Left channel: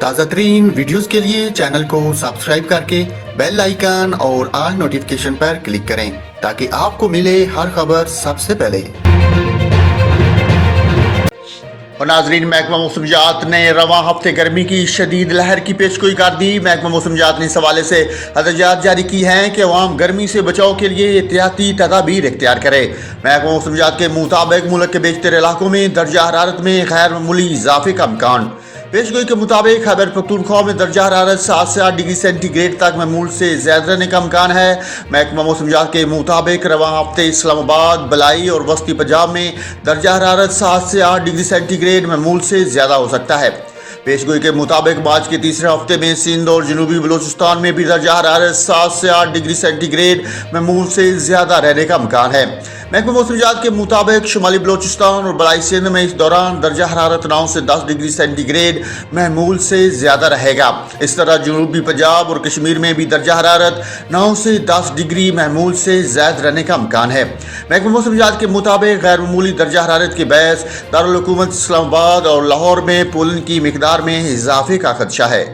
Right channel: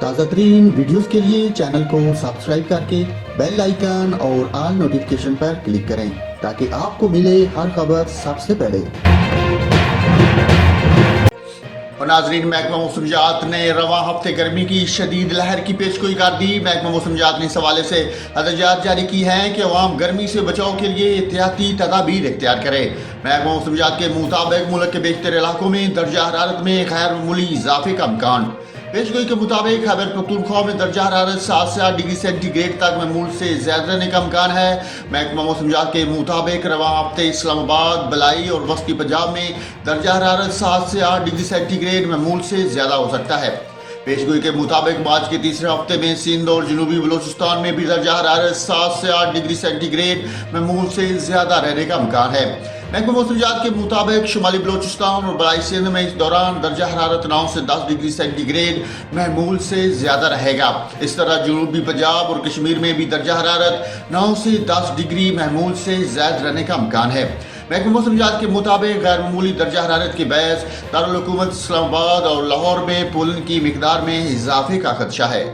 تازہ ترین ویڈیوز کے لیے چینل کو سبسکرائب کر کے بیل آئیکن اور آل نوٹیفیکیشن پر کلک کریں تاکہ آپ کو ملے ہر خبر سب سے پہلے۔ اور ناظرین، محکمہ موسمیات نے رواں ہفتے گرمی کی شدید لہر کی پیشگوئی کر دی۔ محکمہ موسمیات نے اس حوالے سے ہدایات جاری کی ہیں کہ عوام گرمی سے بچاؤ کے لیے احتیاطی تدابیر اختیار کرے۔ محکمہ موسمیات کے مطابق ملک کے بیشتر علاقوں میں درجہ حرارت میں غیر معمولی اضافے کا امکان۔ پیشگوئی کے مطابق خیبر پختونخوا میں درجہ حرارت 7 سے 8 ڈگری سینٹی گریڈ تک معمول سے زیادہ رہنے کا امکان ہے۔ محکمہ موسمیات کے مطابق رواں ہفتے اسلام آباد، بلائی اور وسطی پنجاب میں درجہ حرارت 7 سے 8 ڈگری سینٹی گریڈ معمول سے زیادہ ہو سکتا ہے۔ پیشگوئی کے مطابق مارچ کے تیسرے ہفتے میں سندھ اور جنوبی بلوچستان میں بھی درجہ حرارت 7 سے 8 ڈگری سینٹی گریڈ معمول سے زیادہ رہنے کا امکان ہے۔ محکمہ موسمیات کے مطابق شمالی بلوچستان اور بلائی سندھ میں اس دوران درجہ حرارت 9 سے 10 ڈگری سینٹی گریڈ معمول سے زیادہ رہے گا۔ اس طرح جنوبی پنجاب اور کشمیر میں بھی درجہ حرارت 9 سے 10 ڈگری معمول سے زیادہ رہنے کا امکان ہے۔ محکمہ موسمیات کے مطابق غیر معمولی درجہ حرارت کے باعث دارالحکومت اسلام آباد اور لاہور میں پولن کی مقدار میں اضافے کا خدشہ ہے۔